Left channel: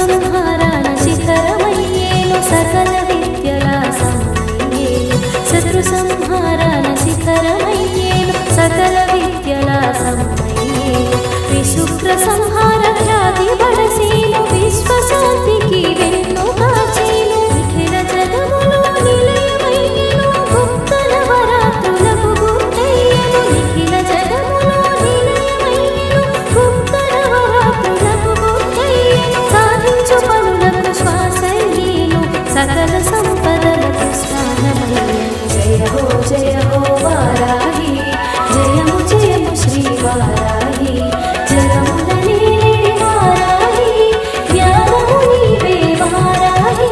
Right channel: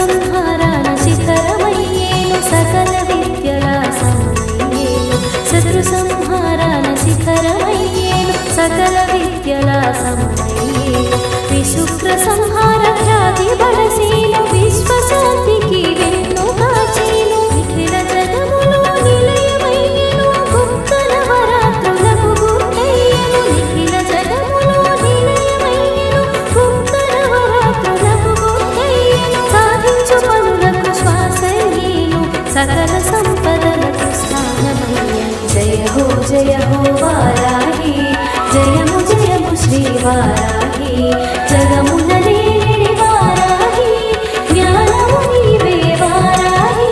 సంహారాన శిఖరమయ్యేను సకల విద్యల సమమయ్యేను శత్రు సంహారాన శిఖరమయ్యేను సకల విద్యల సమమయ్యేను విశుక్ర సంహార ఖ్యాతి బడసేను విశ్వశాంతికి వెన్ను కాచేను నిఖిల జగములో నిలయమయ్యేను గుప్త నవరాత్రులకు గుర్తయ్యేను నిఖిల జగములో నిలయమయ్యేను గుప్త నవరాత్రులకు గుర్తయ్యేను సాధించు పనులకు శ్వాసయ్యేను సకల సంపదలకు స్థానమయ్యేను జయ హో వారాహి జయము జయము శ్రీ వారాహి జగమున నేడి వారాహి జ్ఞానము నీవే వారాహి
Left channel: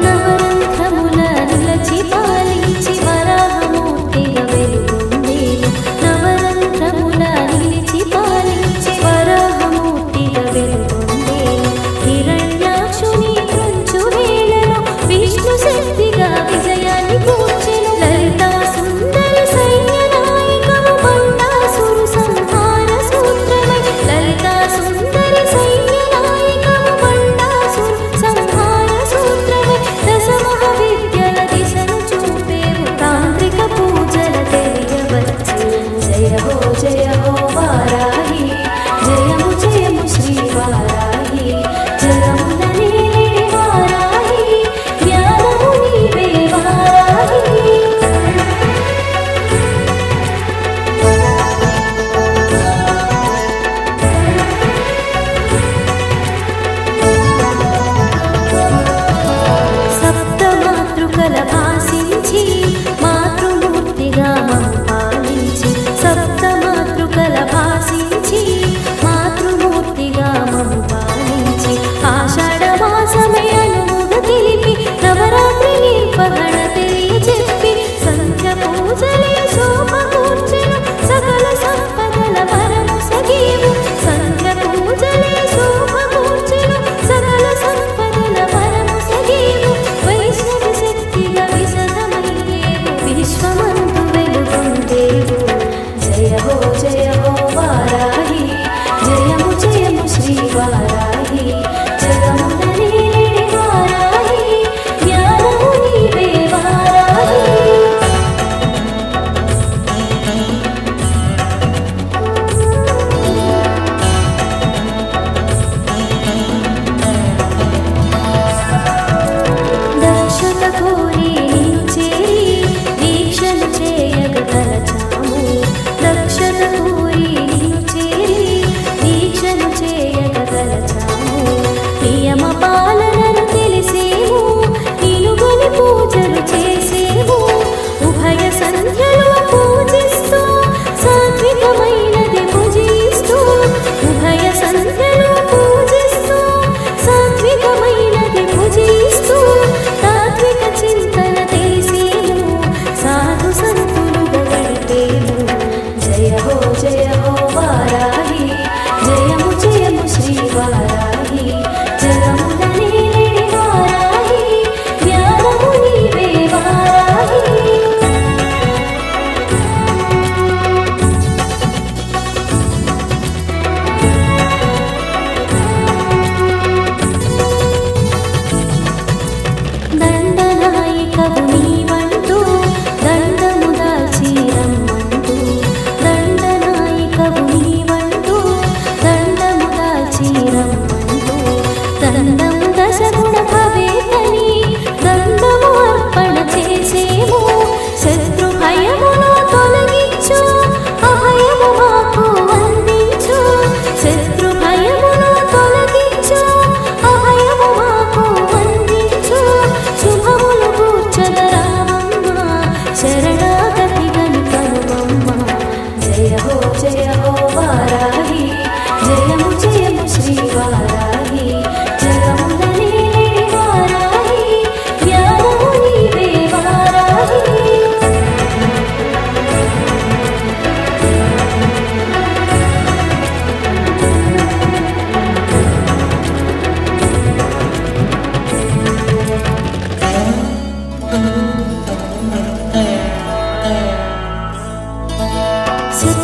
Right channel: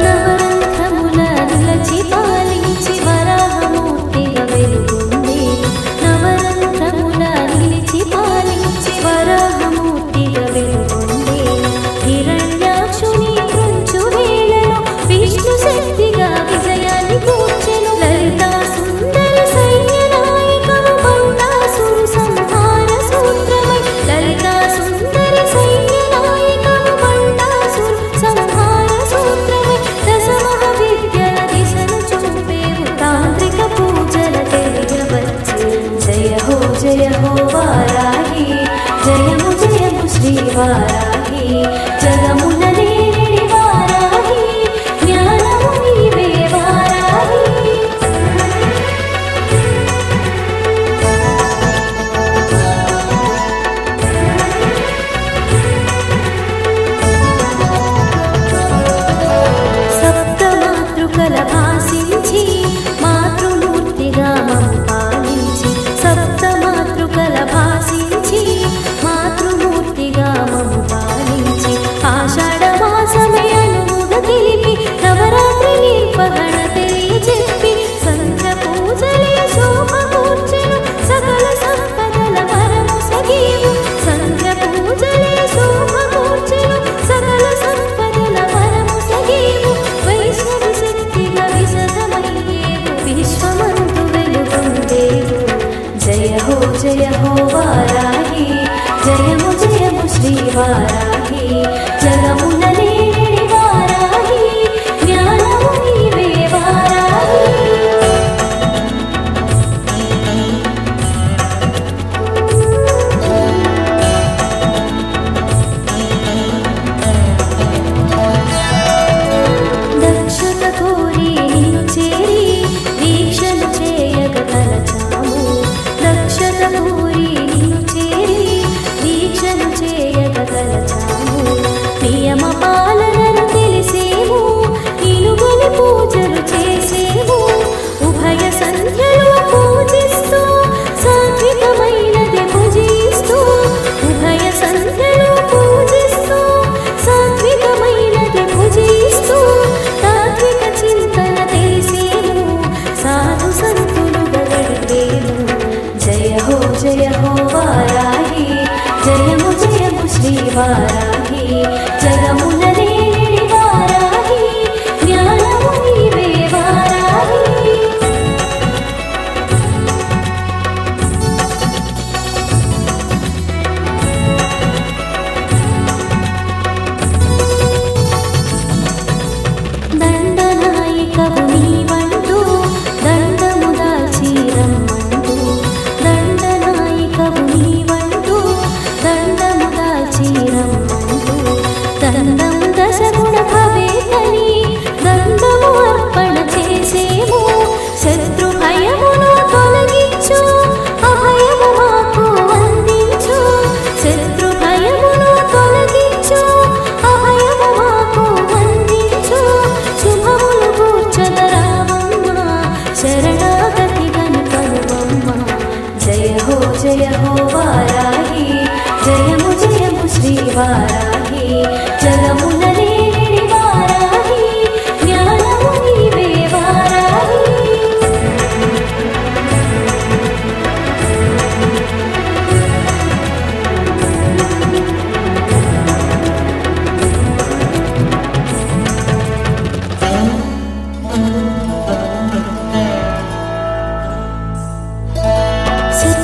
నవరంధ్రముల నిలచి పాలించి వరాహమూర్తిగా వెలుగొందేను నవరంధ్రముల నిలిచి పాలించి వరాహమూర్తిగా వెలుగొందేను హిరణ్యాక్షుని త్రుంచు వేళలో విష్ణు శక్తిగా విజయాన్ని కూర్చెను లలితా సుందరి సైన్య నాయకము బండాసురు సంహార సూత్రమై లలితా సుందరి సైన్య నాయకము బండాసురు సంహార సూత్రమై దశ మహావిద్యల దిశను చూపేవు తాంత్రిక పూజల తెలియవచ్చేవు జయ హో వారాహి జయము జయము శ్రీ వారాహి జగమున నేడి వారాహి జ్ఞానము నీవే వారాహి సప్తమాతృకల భాసించి మాతృమూర్తిగా మము పాలించి సప్తమాతృకల భాసించి మాతృమూర్తిగా మము పాలించి ఆషాఢ మాసమే అనుముగ తెలిపి నవరాత్రి నిర్వహణ తెలియచెప్పి సంధ్య పూజలే శోభ కూర్చెను సకల సంపదల వరము సగీవు సంధ్య పూజలే శోభ కూర్చెను సకల సంపదల వరము సగీవు వైష్ణవి శక్తిగా విశదమయ్యేవు విశ్వమందు వెలుగొందేవు జయ హో వారాహి జయము జయము శ్రీ వారాహి జగమున నేడి వారాహి జ్ఞానము నీవే వారాహి దక్షత కోరి నిన్ను చేరి దీక్షను చేయగ తలచాము దక్షత కోరి నిన్ను చేరి దీక్షను చేయగ తలచాము నియమ పాలనను తెలిసేము నిలుగొని పూజలు చేసేము ఉభయ సంధ్యలు పూజిస్తూ సాత్వికమైనది పూజిస్తూ ఉభయ సంధ్యలు పూజిస్తూ సాత్వికమైనది పూజిస్తూ తాత్విక చింతన తెలిసేము సాధు సంతులుగా గడిపేము జయ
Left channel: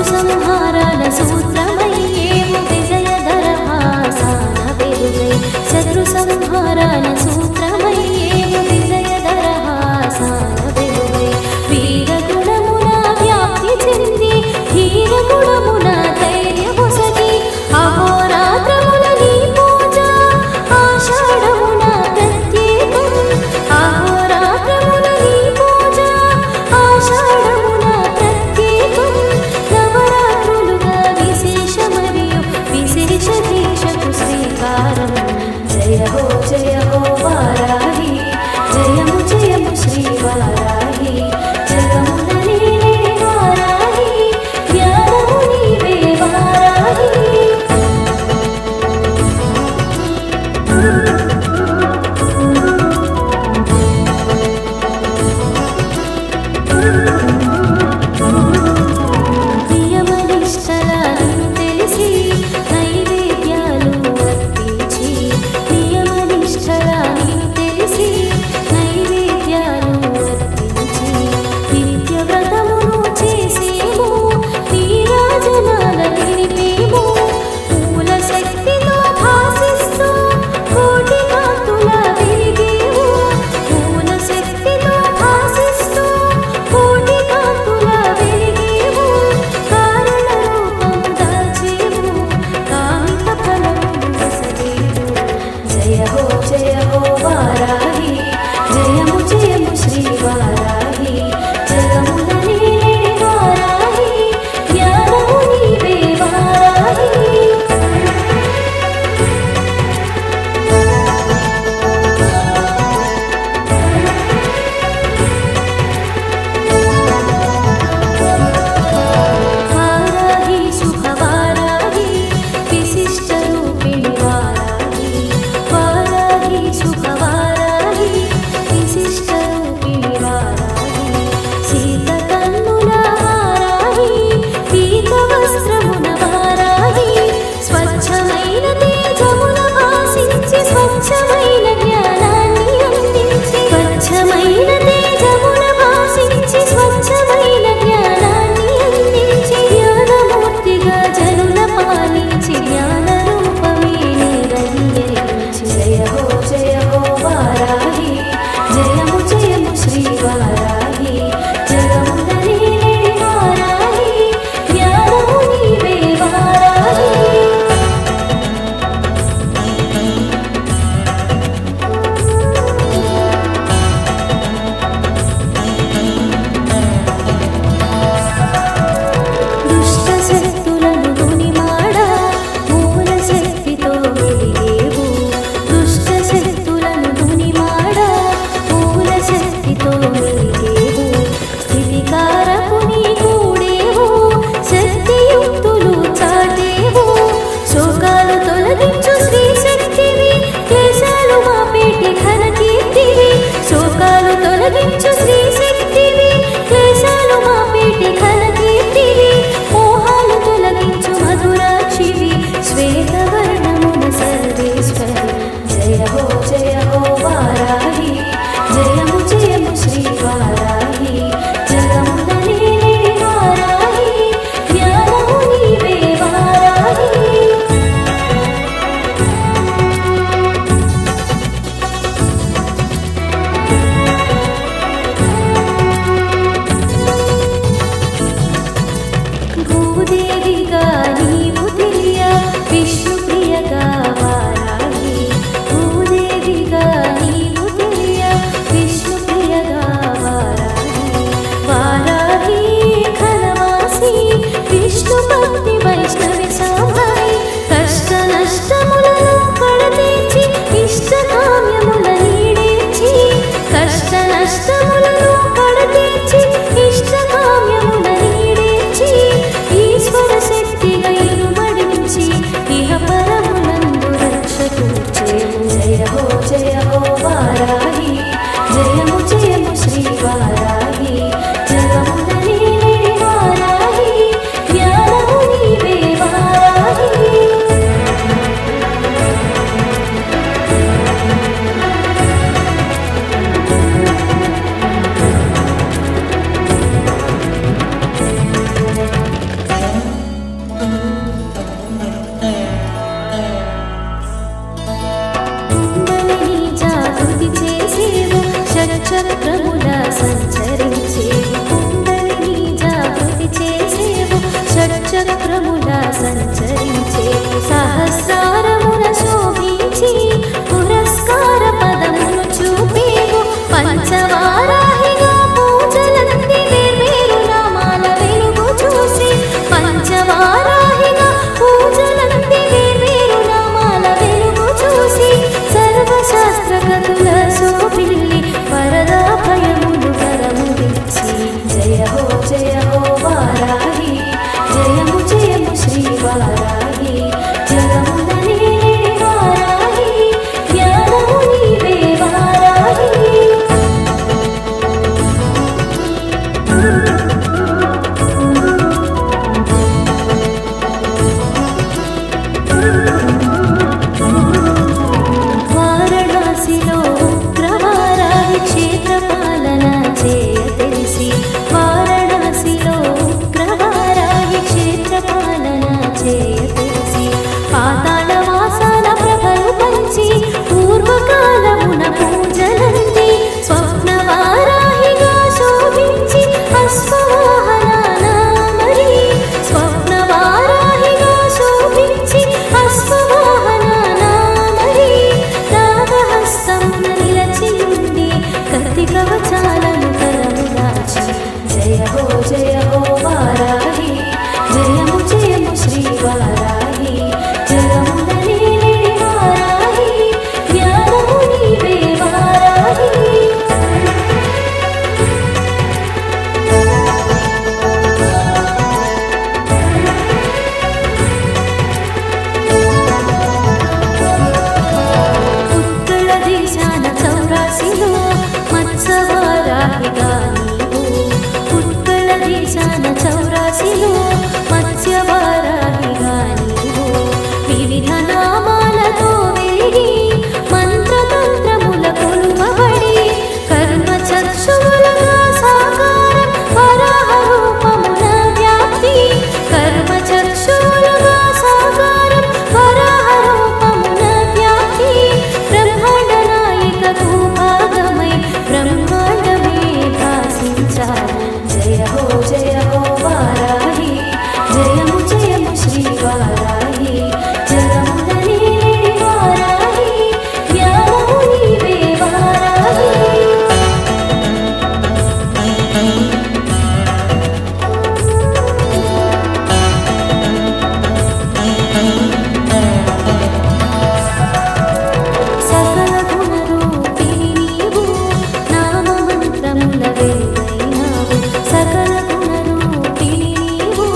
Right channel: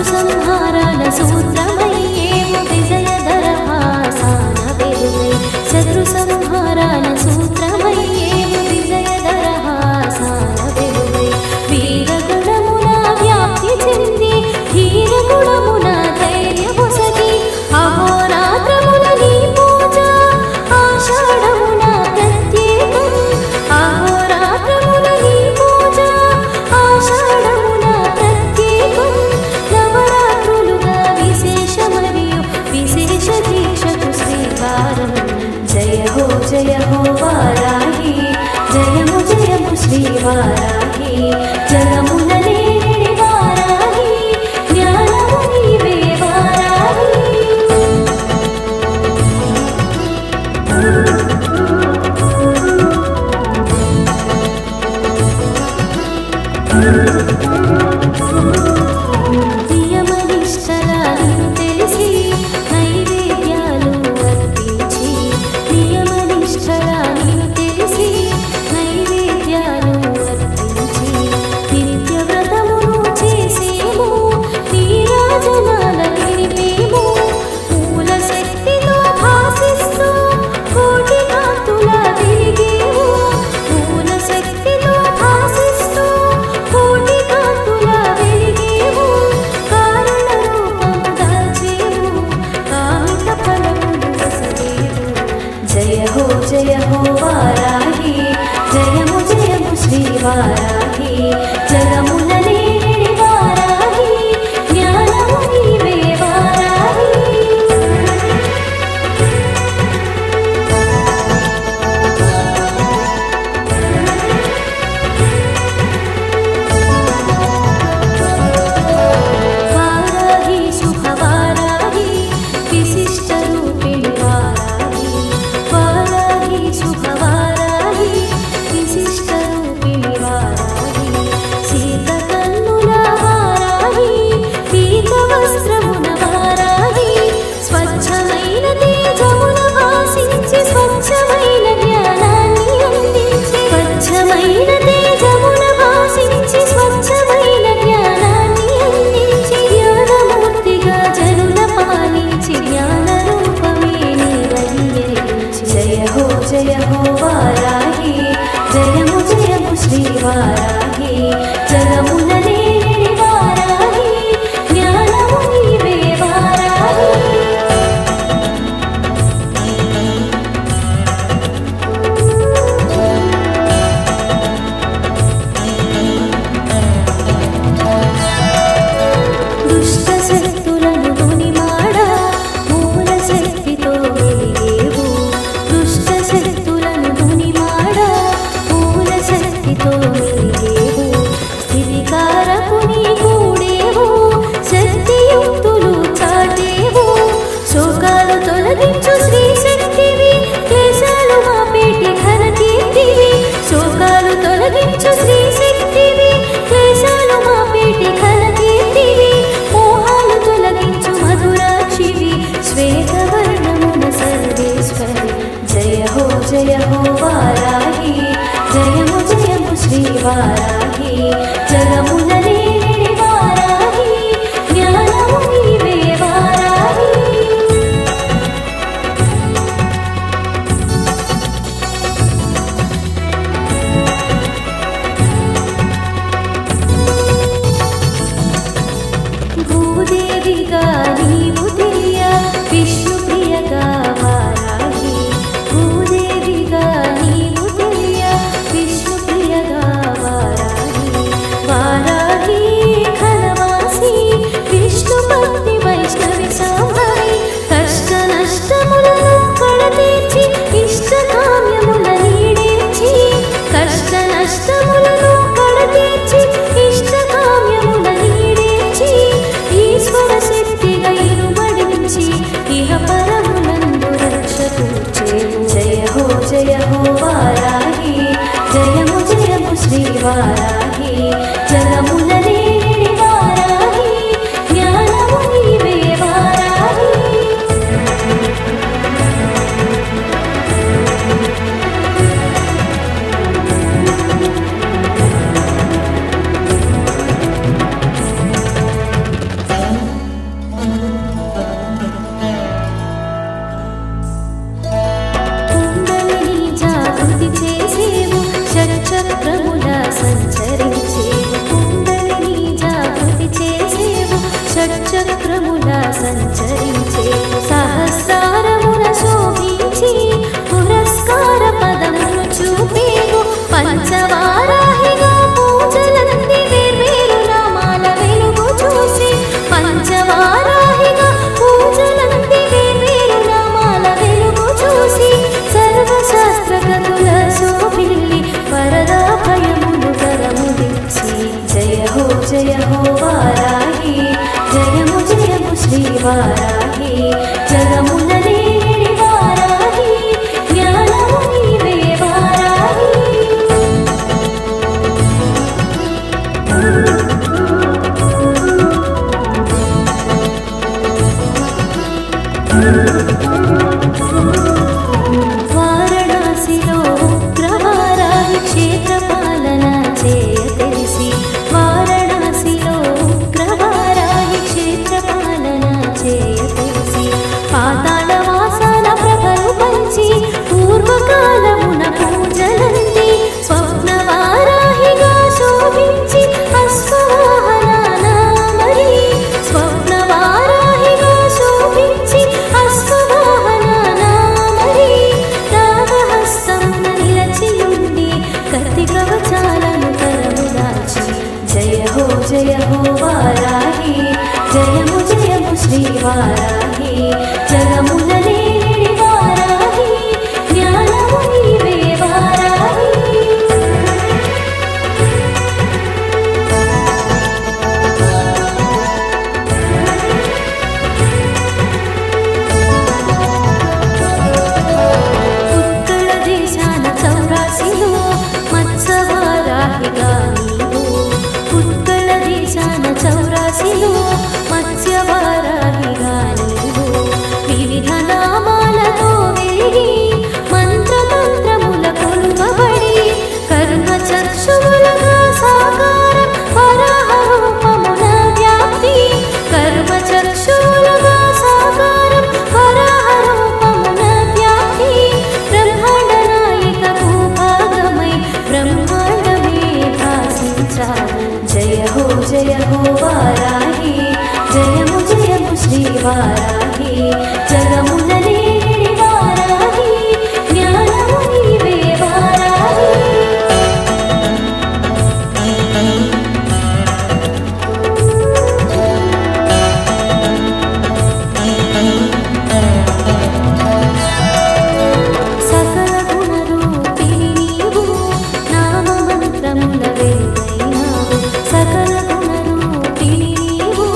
శత్రు సంహారాల సూత్రమయ్యేవు విజయదరహాసాన వెలుగై శత్రు సంహారాల సూత్రమయ్యేవు విజయదరహాసాన వెలుగై వీరగుణమున వ్యాప్తి చెంది ధీరగుణమున ధైర్యమొసగి అహోరాత్రముల నీ పూజ ఆషాఢమున ప్రత్యేకం అహోరాత్రముల నీ పూజ ఆషాఢమున ప్రత్యేకం నవరాత్రులుగా విశేష మరియు విశేష దీక్షకు శ్రీకారం జయ హో స్తుతి చేసేవు షట్చక్రముల సంచరించేవు సహస్రారమున శోభించి పురస్కార పదమును చూపేవు పంచవారాహిగా పూజలంది వేర్వేరు నామాల వెలుగు చూసి పంచవారాహిగా పూజలంది వేర్వేరు నామాల వెలుగు చూసి సర్వశాస్త్రగతుల శోభిల్లి వరదా భయములు వరములిచ్చి జయ హో వారాహి జయము జయము శ్రీ వారాహి జగమున దేవి వారాహి జ్ఞానము నీవే వారాహి వారణాసిలో ఉగ్రవారాహి క్షేత్రపాలన చేయ తెలిసి వారణాసిలో ఉగ్రవారాహి క్షేత్రపాలన చేయ తెలిసి పాతాళ వాసాల ప్రభలు పంచి పూర్వకాలమున పూజలంది స్వప్నవారాహిగా శోభించి అశ్వవాహన నామరి స్వప్నవారాహిగా శోభించి అశ్వవాహన నామరి నాగహస్తమున నిలచియుండి కత్తి కవచాలను కరముదాచి జయ హో వారాహి జయము జయము శ్రీ వారాహి జగమున దేవి వారాహి జ్ఞానము నీవే వారాహి ఉత్కళ దేశాన చౌరాసిలో మత్స్యవారాహిగా నీవు ఉత్కళ దేశాన చౌరాసిలో మత్స్యవారాహిగా నీవు వివిధ నామాలతో వెలిగి మంత్రతంత్రముల కొలువబడి కర్మ చక్షువులుగా సాకారం వరాహ రూపమున వ్యాప్తి కర్మ చక్షువులుగా సాకారం వరాహ రూపమున వ్యాప్తి బ్రహ్మాండ నాయక భూభాగమై బ్రహ్మాండమే భాసించావు జయ హో వారాహి జయము జయము శ్రీ వారాహి జగమున దేవి వారాహి జ్ఞానము నీవే వారాహి సకల గుణరూపిణి నీవు నామమంత్రముల వెలుగైనావు సకల గుణరూపిణి నీవు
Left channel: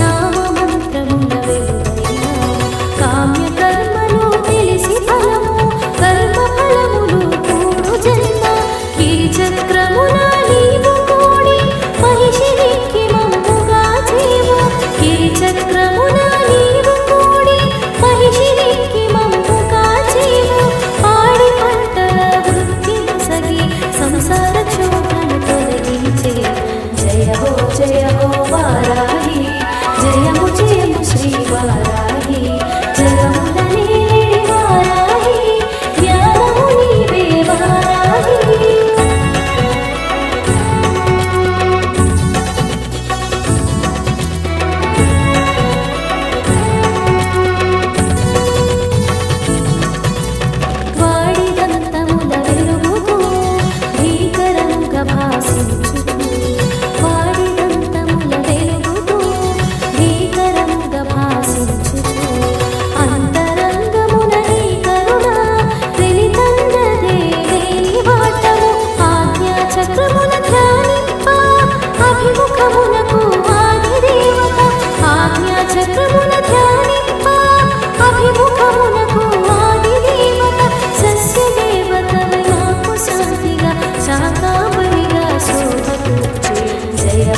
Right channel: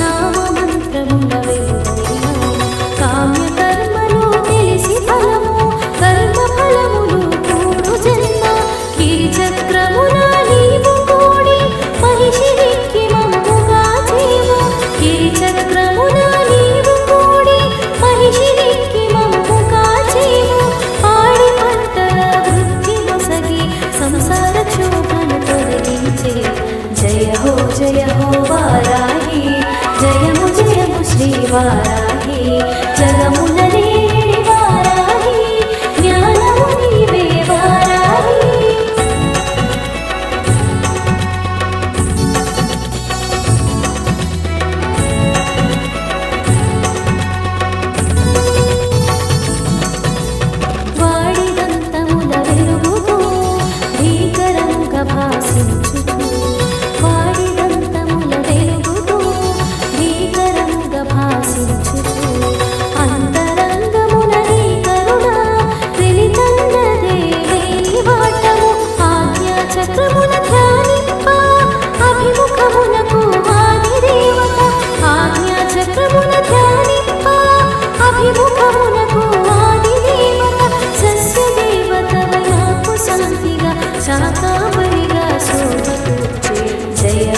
నామమంత్రముల వెలుగైనావు కామ్య కర్మలు తెలిసి ఫలము కర్మ ఫలములు కూడు జన్మ గిరిచక్రమున నీవు కూడి మహిషినికి మమ్ముగా చేవు గిరిచక్రమున నీవు కూడి మహిషినికి మమ్ముగా చేవు పాడి పంటల వృద్ధి నొసగి సంసార క్షోభను తొలగించే జయ హో వారాహి జయము జయము శ్రీ వారాహి జగమున దేవి వారాహి జ్ఞానము నీవే వారాహి వాడిదంతముల వెలుగుతో భీకరంగా భాసించుచు వాడిదంతముల వెలుగుతో భీకరంగా భాసించుచు అంతరంగమున నీ కరుణ వెలితన్నదే వేలి వాటము ఆజ్ఞా చక్రమున ధ్యానింప అభిముఖమునకు వాది దేవత ఆజ్ఞా చక్రమున ధ్యానింప అభిముఖమునకు వాది దేవత సస్య దేవతవై నాకు శాంతిగా శాకాంబరిగా శోభ కూర్చే జయ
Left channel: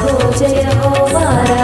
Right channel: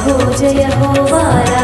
హో వారాహి